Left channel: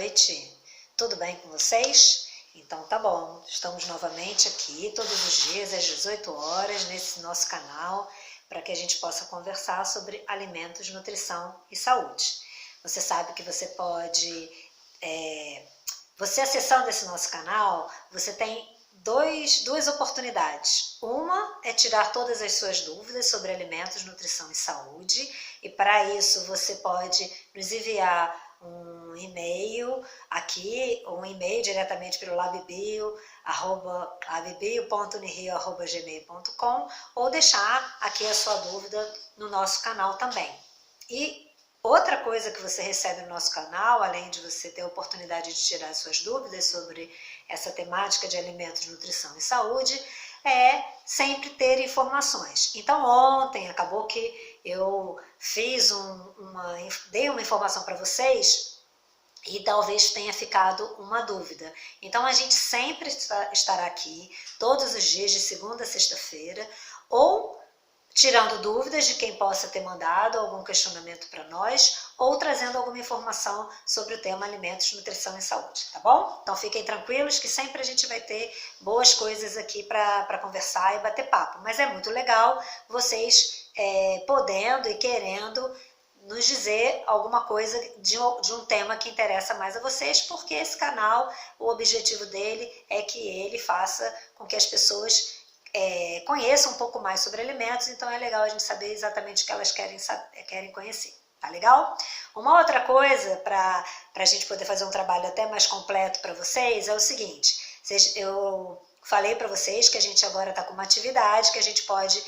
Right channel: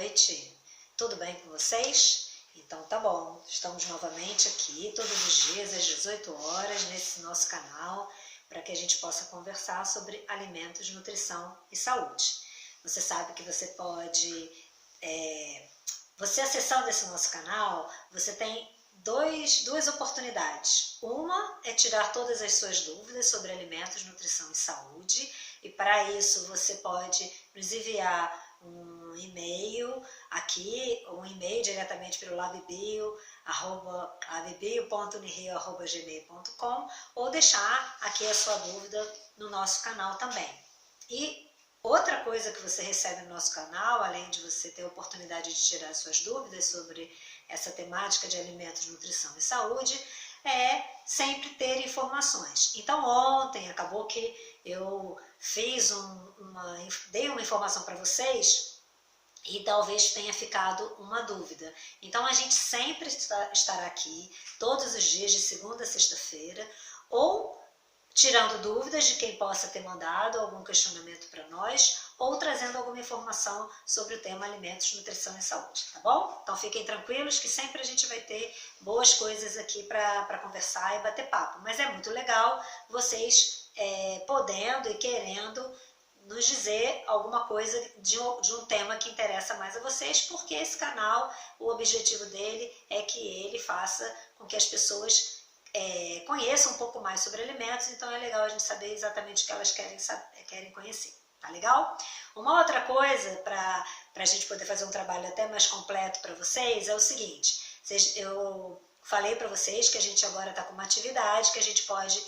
noite. Tudo bem com vocês? Então tá bom, estamos novamente aqui todos os dias às 18 horas nesse nosso canal para que a gente possa conversar sobre alimentos, nutrição e saúde. Você sabe que você pode, você acessando esse nosso canal, você tem duas oportunidades. Uma é tirar todas as suas dúvidas sobre alimentos, nutrição e saúde, e para isso você pode nos enviar um e-mail aqui, um e-mail diretamente pelo labbio.unrio@gmail.com, ou deixar aqui a sua dúvida no nosso canal também. E outra coisa que você recebe no nosso canal, além de você ter a oportunidade de tirar suas dúvidas sobre essa temática de alimentos, nutrição e saúde, é sempre ter informações. Então ontem acabou que eu fiz dei uma informação para vocês e talvez tenha ficado uma dúvida. Então a gente sempre estará aqui todos os dias de segunda a sexta-feira, ou tirando dúvidas de quem possa ter mandado algum questionamento para nós, ou trazendo alguma informação sobre o tema alimentos, nutrição e saúde, tá bom? Então fiquem tranquilos que sempre a gente vai ter boas coisas aqui para conversar e bater papo. Mas é muito legal vocês podendo e querendo nos dizer alguma coisa de um tema que interessa mais a vocês, porque esse canal, o objetivo dele é que ele faça com que as pessoas conheçam um pouco mais sobre alimentos. Então é legal a gente saber exatamente o que elas querem conhecer, tá legal? Uma outra coisa para a gente poder fazer um trabalho até mais completo para vocês é o seguinte: eu falei para vocês que a gente agora está com uma atividade que a gente pode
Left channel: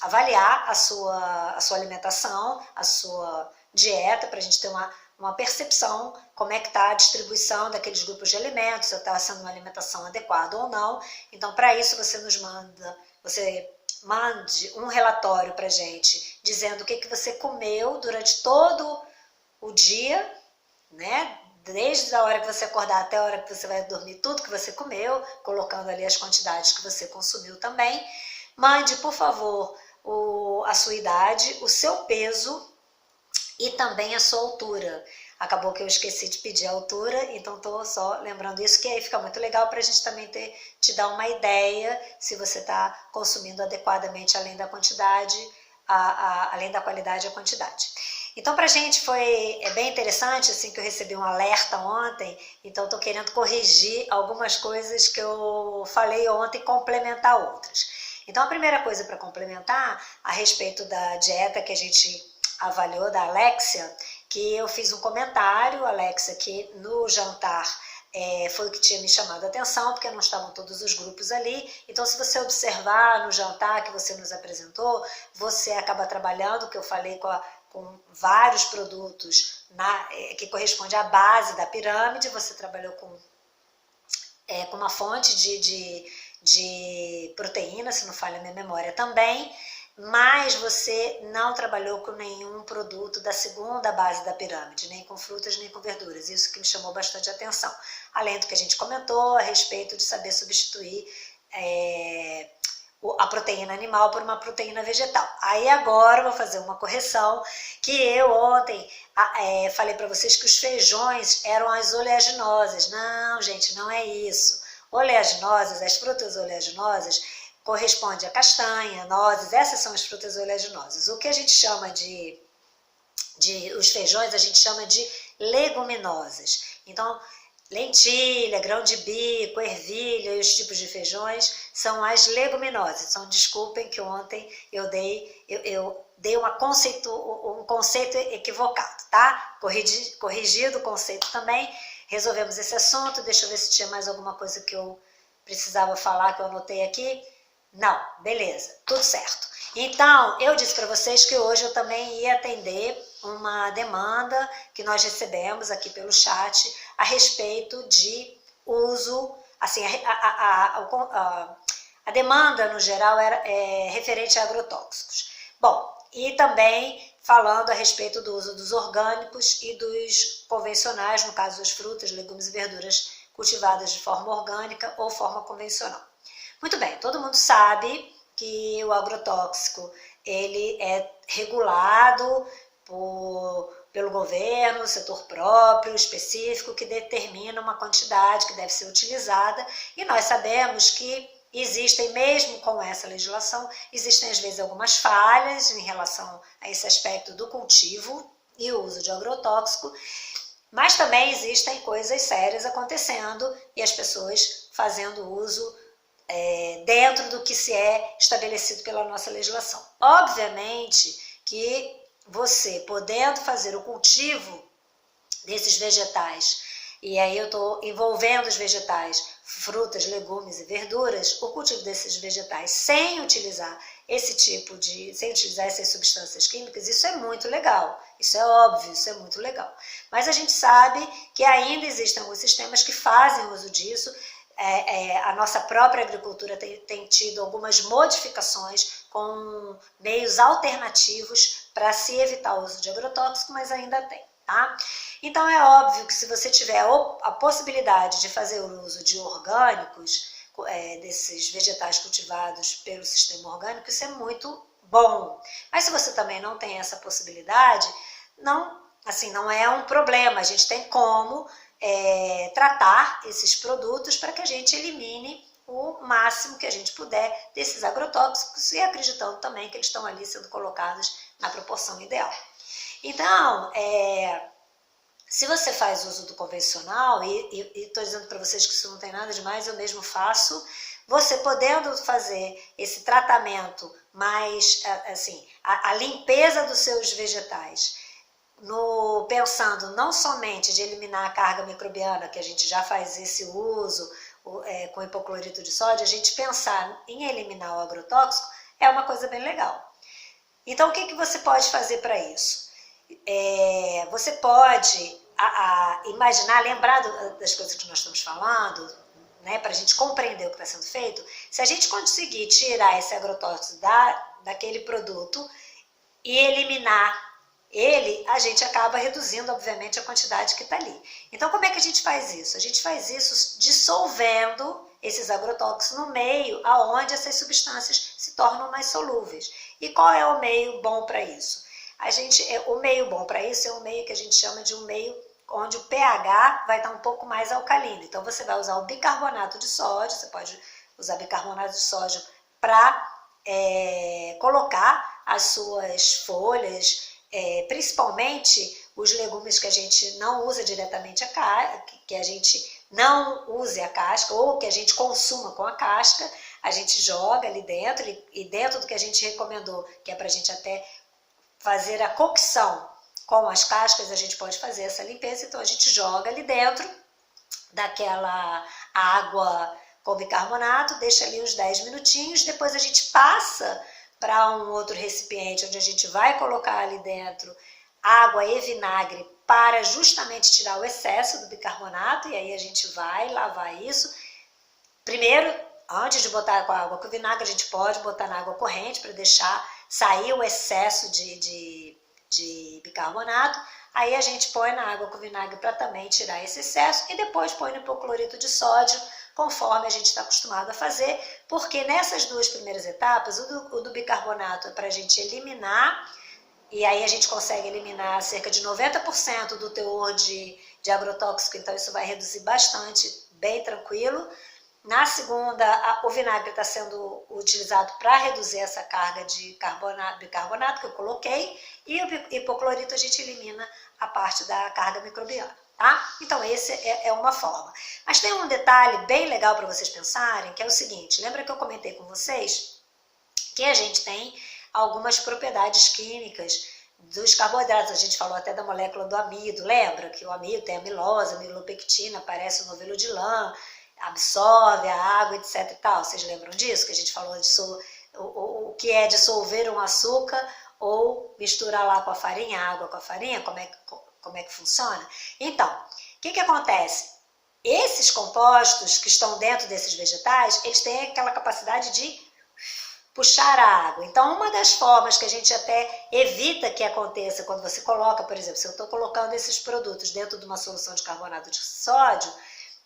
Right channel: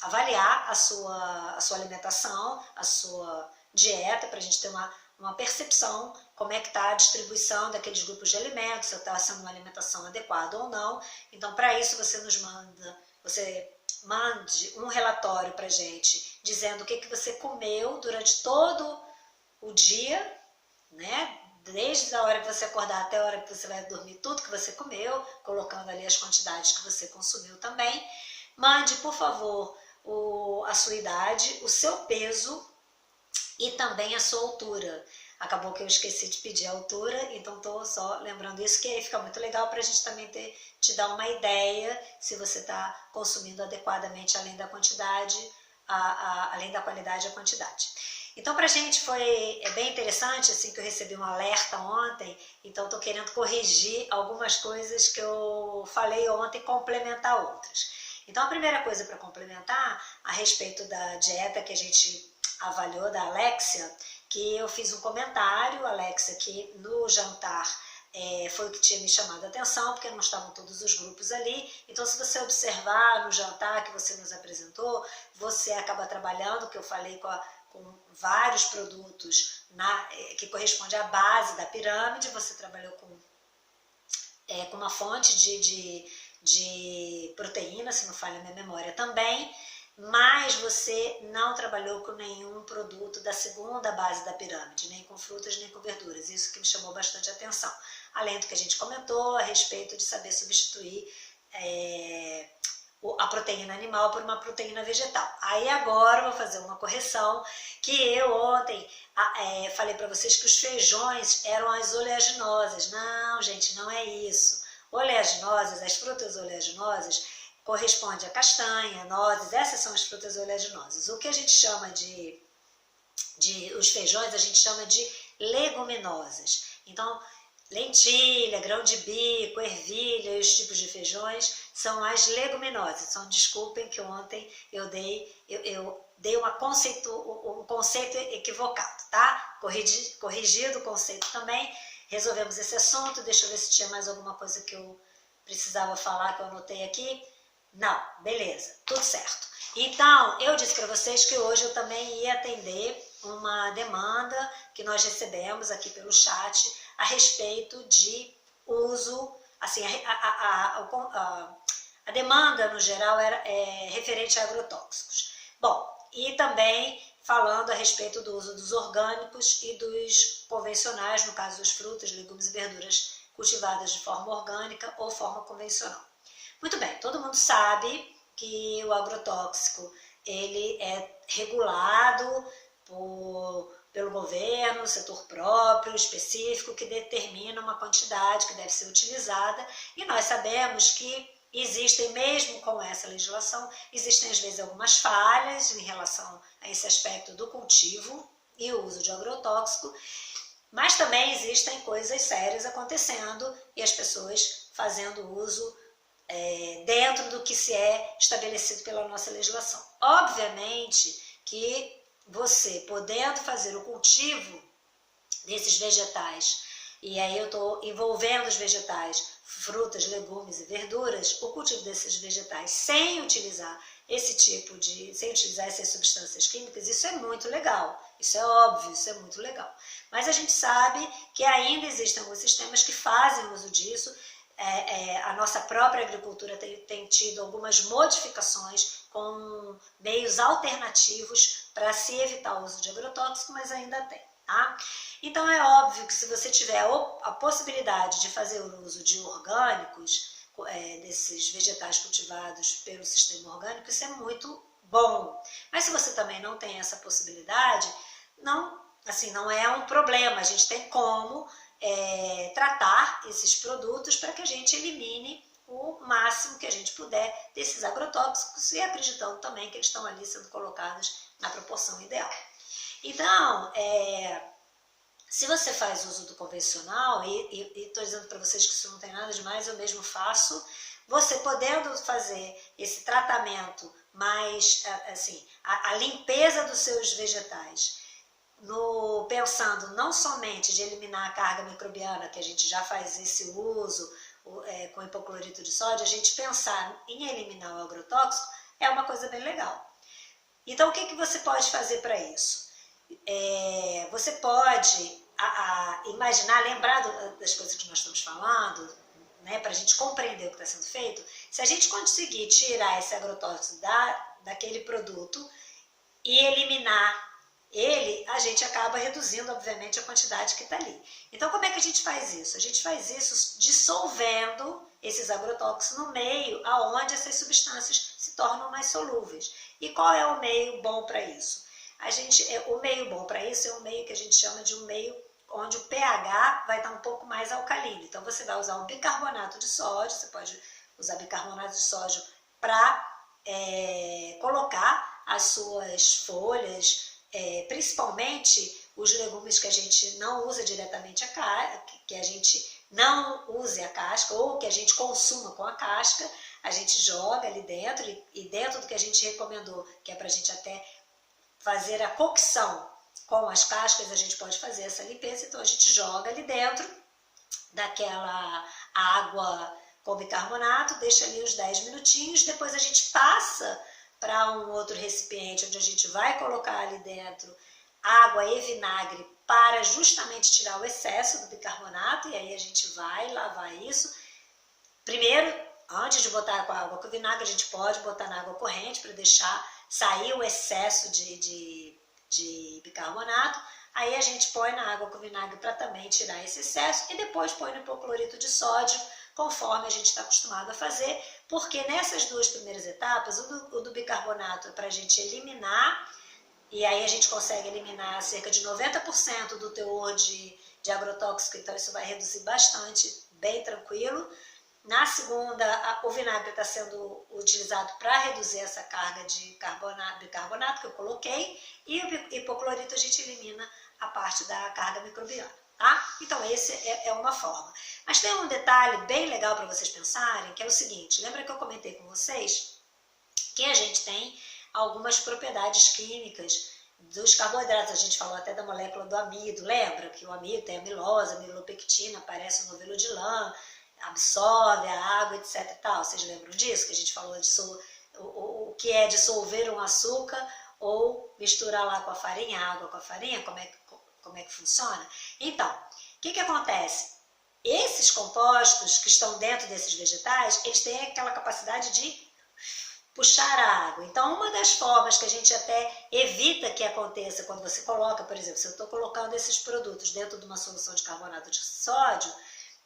avaliar a sua alimentação, a sua dieta, para a gente ter uma percepção como é que está a distribuição daqueles grupos de alimentos, se está sendo uma alimentação adequada ou não. Então, para isso, você mande um relatório para a gente, dizendo o que você comeu durante todo o dia, né? Desde a hora que você acordar até a hora que você vai dormir, tudo que você comeu, colocando ali as quantidades que você consumiu também. Mande, por favor, a sua idade, o seu peso e também a sua altura. Acabou que eu esqueci de pedir a altura, então estou só lembrando isso, que aí fica muito legal para a gente também te dar uma ideia se você está consumindo adequadamente, além da quantidade, além da qualidade e a quantidade. Então para a gente foi bem interessante, assim, que eu recebi um alerta ontem, então estou querendo corrigir algumas coisas que eu falei ontem e complementar outras. Então a primeira coisa para complementar a respeito da dieta que a gente avaliou da Alexia, que eu fiz um comentário, Alexia, que no jantar foi o que tinha me chamado a atenção, porque não estavam todos os grupos ali. Então, se você observar no jantar que você nos apresentou, você acaba trabalhando, que eu falei, com vários produtos que corresponde à base da pirâmide. Você trabalhou com uma fonte de proteína, se não falha a minha memória também, mas você não trabalhou com nenhum produto da segunda base da pirâmide, nem com frutas, nem com verduras. Isso que me chamou bastante atenção. Além do que a gente comentou a respeito de saber substituir a proteína animal por uma proteína vegetal. Aí agora eu vou fazer uma correção, que eu ontem falei para vocês que os feijões eram as oleaginosas. Não, gente, não é isso. Oleaginosas, as frutas oleaginosas, corresponde a castanha, nozes, essas são as frutas oleaginosas. O que a gente chama os feijões, a gente chama de leguminosas. Então, lentilha, grão de bico, ervilha e os tipos de feijões são as leguminosas. Então, desculpem que ontem eu dei um conceito equivocado, tá? Corrigido o conceito também. Resolvemos esse assunto. Deixa eu ver se tinha mais alguma coisa que eu precisava falar, que eu anotei aqui. Não, beleza, tudo certo. Então, eu disse para vocês que hoje eu também ia atender uma demanda que nós recebemos aqui pelo chat a respeito de uso, assim, a demanda no geral é referente a agrotóxicos. Bom, e também falando a respeito do uso dos orgânicos e dos convencionais, no caso das frutas, legumes e verduras cultivadas de forma orgânica ou forma convencional. Muito bem, todo mundo sabe que o agrotóxico ele é regulado pelo governo, setor próprio, específico, que determina uma quantidade que deve ser utilizada, e nós sabemos que existem, mesmo com essa legislação, existem às vezes algumas falhas em relação a esse aspecto do cultivo e o uso de agrotóxico, mas também existem coisas sérias acontecendo e as pessoas fazendo uso dentro do que se é estabelecido pela nossa legislação. Obviamente que você, podendo fazer o cultivo desses vegetais, e aí eu estou envolvendo os vegetais, frutas, legumes e verduras, o cultivo desses vegetais sem utilizar sem utilizar essas substâncias químicas, isso é muito legal, isso é óbvio, isso é muito legal. Mas a gente sabe que ainda existem alguns sistemas que fazem uso disso. A nossa própria agricultura tem tido algumas modificações com meios alternativos para se evitar o uso de agrotóxico, mas ainda tem, tá? Então é óbvio que se você tiver a possibilidade de fazer o uso de orgânicos, desses vegetais cultivados pelo sistema orgânico, isso é muito bom. Mas se você também não tem essa possibilidade, não é um problema, a gente tem como tratar esses produtos para que a gente elimine o máximo que a gente puder desses agrotóxicos e acreditando também que eles estão ali sendo colocados na proporção ideal. Então, se você faz uso do convencional, e estou dizendo para vocês que isso não tem nada demais, eu mesmo faço, você podendo fazer esse tratamento mais, a limpeza dos seus vegetais, pensando não somente de eliminar a carga microbiana, que a gente já faz esse uso com hipoclorito de sódio, a gente pensar em eliminar o agrotóxico é uma coisa bem legal. Então, o que você pode fazer para isso? Você pode imaginar, lembrar das coisas que nós estamos falando, né, para a gente compreender o que está sendo feito. Se a gente conseguir tirar esse agrotóxico daquele produto e eliminar ele, a gente acaba reduzindo, obviamente, a quantidade que está ali. Então, como é que a gente faz isso? A gente faz isso dissolvendo esses agrotóxicos no meio aonde essas substâncias se tornam mais solúveis. E qual é o meio bom para isso? O meio bom para isso é um meio que a gente chama de um meio onde o pH vai estar um pouco mais alcalino. Então, você vai usar o bicarbonato de sódio, você pode usar bicarbonato de sódio para colocar as suas folhas, principalmente os legumes que a gente não usa diretamente a casca, que a gente não use a casca ou que a gente consuma com a casca, a gente joga ali dentro e dentro do que a gente recomendou, que é para a gente até fazer a cocção com as cascas, a gente pode fazer essa limpeza, então a gente joga ali dentro daquela água com bicarbonato, deixa ali uns 10 minutinhos, depois a gente passa para um outro recipiente onde a gente vai colocar ali dentro água e vinagre para justamente tirar o excesso do bicarbonato, e aí a gente vai lavar isso. Primeiro, antes de botar com a água com vinagre, a gente pode botar na água corrente para deixar sair o excesso de bicarbonato. Aí a gente põe na água com vinagre para também tirar esse excesso e depois põe no hipoclorito de sódio, conforme a gente está acostumado a fazer, porque nessas duas primeiras etapas, o do bicarbonato é para a gente eliminar, e aí a gente consegue eliminar cerca de 90% do teor de agrotóxico, então isso vai reduzir bastante, bem tranquilo. Na segunda, o vinagre está sendo utilizado para reduzir essa carga de bicarbonato que eu coloquei, e o hipoclorito a gente elimina a parte da carga microbiana, tá? Então, esse é uma forma. Mas tem um detalhe bem legal para vocês pensarem, que é o seguinte: lembra que eu comentei com vocês que a gente tem algumas propriedades químicas dos carboidratos, a gente falou até da molécula do amido, lembra? Que o amido tem amilose, amilopectina, parece um novelo de lã, absorve a água, etc e tal. Vocês lembram disso? Que a gente falou o que é dissolver um açúcar ou misturar lá com a farinha, água com a farinha, como é que funciona? Então, o que acontece? Esses compostos que estão dentro desses vegetais, eles têm aquela capacidade de puxar a água. Então, uma das formas que a gente até evita que aconteça quando você coloca, por exemplo, se eu estou colocando esses produtos dentro de uma solução de carbonato de sódio,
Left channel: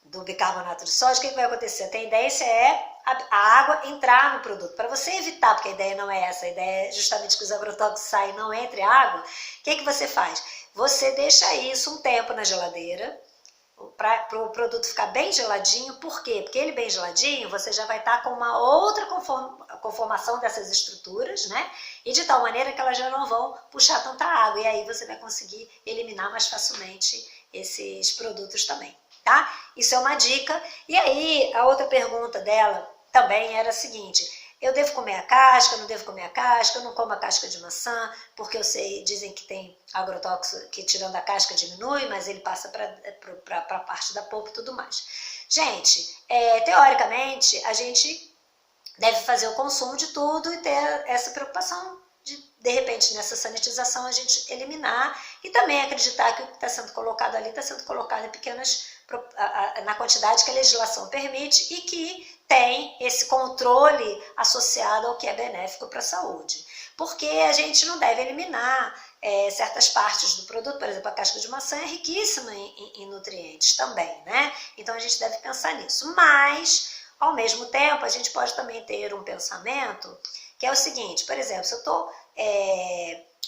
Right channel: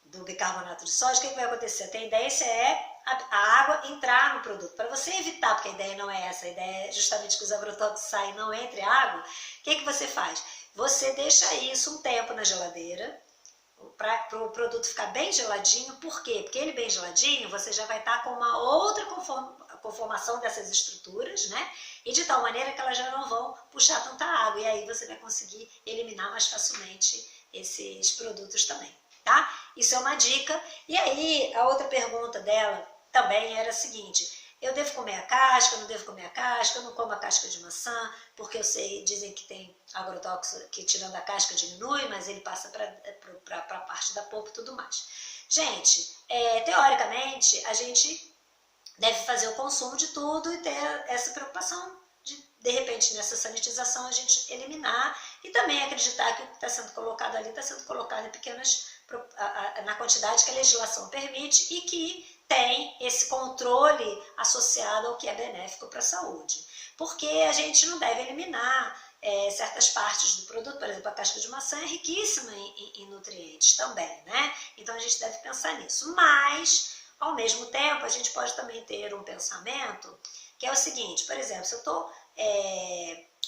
do bicarbonato de sódio, o que vai acontecer? A tendência é a água entrar no produto. Para você evitar, porque a ideia não é essa, a ideia é justamente que os agrotóxicos saem e não entre água, o que você faz? Você deixa isso um tempo na geladeira, para o produto ficar bem geladinho. Por quê? Porque ele bem geladinho, você já vai estar com uma outra conformação dessas estruturas, né? E de tal maneira que elas já não vão puxar tanta água, e aí você vai conseguir eliminar mais facilmente esses produtos também, tá? Isso é uma dica. E aí, a outra pergunta dela também era a seguinte: eu devo comer a casca, não devo comer a casca, eu não como a casca de maçã, porque eu sei, dizem que tem agrotóxico que tirando a casca diminui, mas ele passa para a parte da polpa e tudo mais. Gente, teoricamente, a gente deve fazer o consumo de tudo e ter essa preocupação de repente, nessa sanitização, a gente eliminar e também acreditar que o que está sendo colocado ali está sendo colocado em pequenas, na quantidade que a legislação permite e que tem esse controle associado ao que é benéfico para a saúde. Porque a gente não deve eliminar certas partes do produto, por exemplo, a casca de maçã é riquíssima em nutrientes também, né? Então a gente deve pensar nisso. Mas, ao mesmo tempo, a gente pode também ter um pensamento que é o seguinte: por exemplo, se eu estou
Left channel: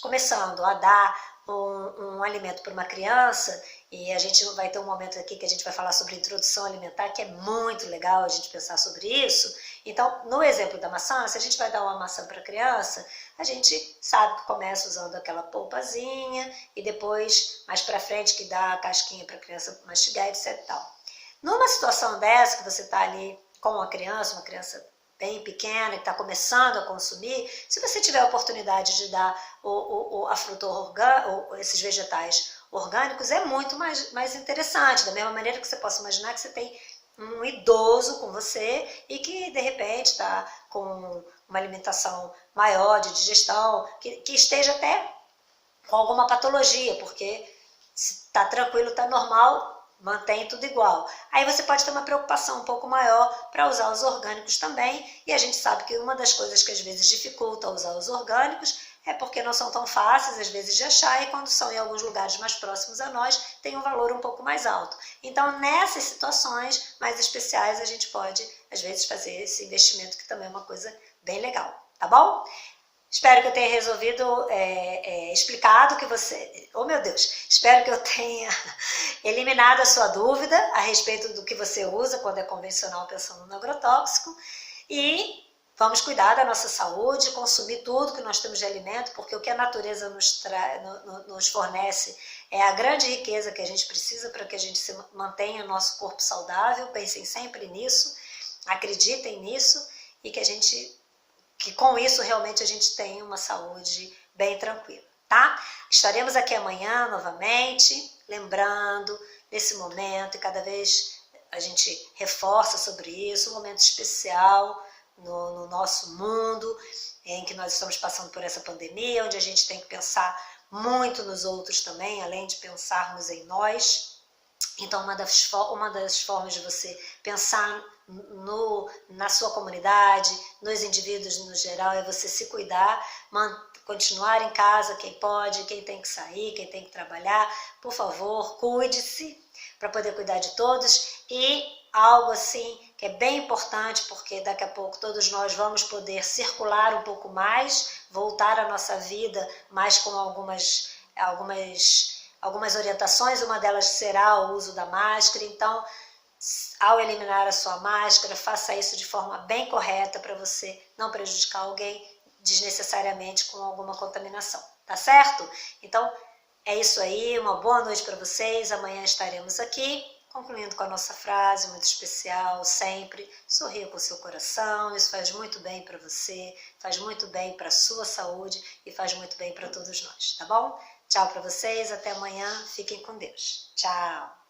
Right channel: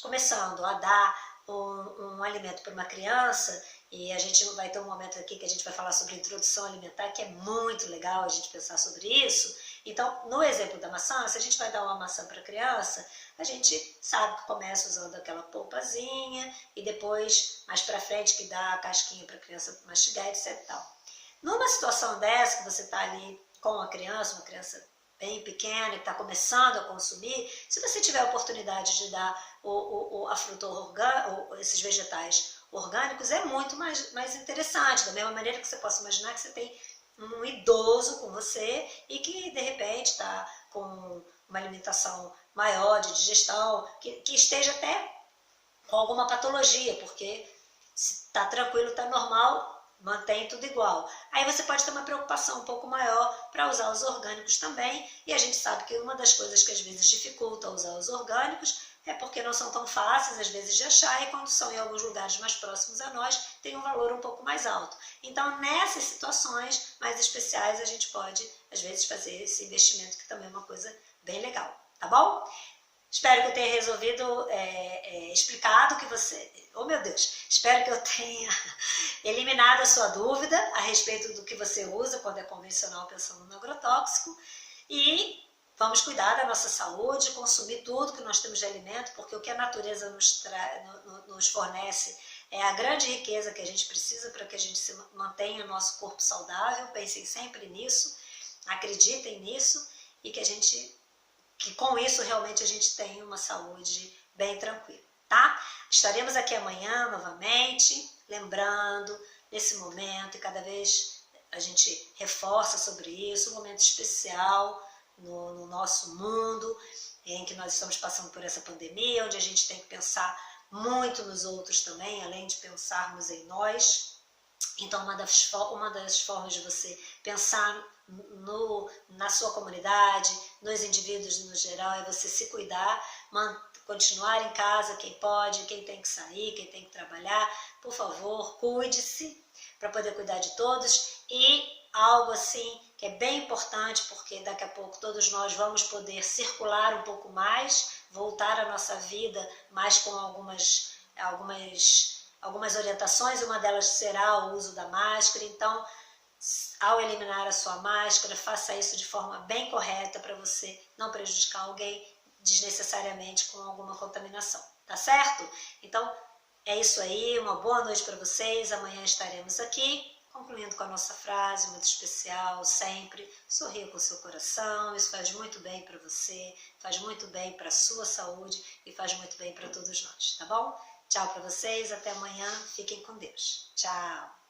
começando a dar um alimento para uma criança, e a gente vai ter um momento aqui que a gente vai falar sobre introdução alimentar, que é muito legal a gente pensar sobre isso. Então, no exemplo da maçã, se a gente vai dar uma maçã para a criança, a gente sabe que começa usando aquela polpazinha e depois, mais para frente, que dá a casquinha para a criança mastigar, etc. e tal. Numa situação dessa, que você está ali com uma criança bem pequena, que está começando a consumir, se você tiver a oportunidade de dar a fruta orgânica, esses vegetais orgânicos, é muito mais interessante. Da mesma maneira que você possa imaginar que você tem um idoso com você e que, de repente, está com uma alimentação maior de digestão, que esteja até com alguma patologia, porque se está tranquilo, está normal, mantém tudo igual. Aí você pode ter uma preocupação um pouco maior para usar os orgânicos também, e a gente sabe que uma das coisas que às vezes dificulta usar os orgânicos é porque não são tão fáceis às vezes de achar, e quando são em alguns lugares mais próximos a nós, tem um valor um pouco mais alto. Então, nessas situações mais especiais, a gente pode às vezes fazer esse investimento, que também é uma coisa bem legal, tá bom? Espero que eu tenha resolvido, explicado que você... Oh, meu Deus! Espero que eu tenha eliminado a sua dúvida a respeito do que você usa quando é convencional pensando no agrotóxico. E vamos cuidar da nossa saúde, consumir tudo que nós temos de alimento, porque o que a natureza nos fornece é a grande riqueza que a gente precisa para que a gente mantenha o nosso corpo saudável. Pensem sempre nisso, acreditem nisso, e que com isso realmente a gente tem uma saúde bem tranquila, tá? Estaremos aqui amanhã novamente, lembrando nesse momento, e cada vez a gente reforça sobre isso, um momento especial no nosso mundo, em que nós estamos passando por essa pandemia, onde a gente tem que pensar muito nos outros também, além de pensarmos em nós. Então, uma das formas de você pensar na sua comunidade, nos indivíduos no geral, é você se cuidar, continuar em casa quem pode, quem tem que sair, quem tem que trabalhar. Por favor, cuide-se para poder cuidar de todos. E algo assim que é bem importante, porque daqui a pouco todos nós vamos poder circular um pouco mais, voltar à nossa vida, mas com algumas orientações. Uma delas será o uso da máscara. Então, ao eliminar a sua máscara, faça isso de forma bem correta para você não prejudicar alguém desnecessariamente com alguma contaminação, tá certo? Então, é isso aí, uma boa noite para vocês. Amanhã estaremos aqui, concluindo com a nossa frase muito especial, sempre: sorria com o seu coração. Isso faz muito bem para você, faz muito bem para a sua saúde e faz muito bem para todos nós, tá bom? Tchau para vocês, até amanhã, fiquem com Deus. Tchau!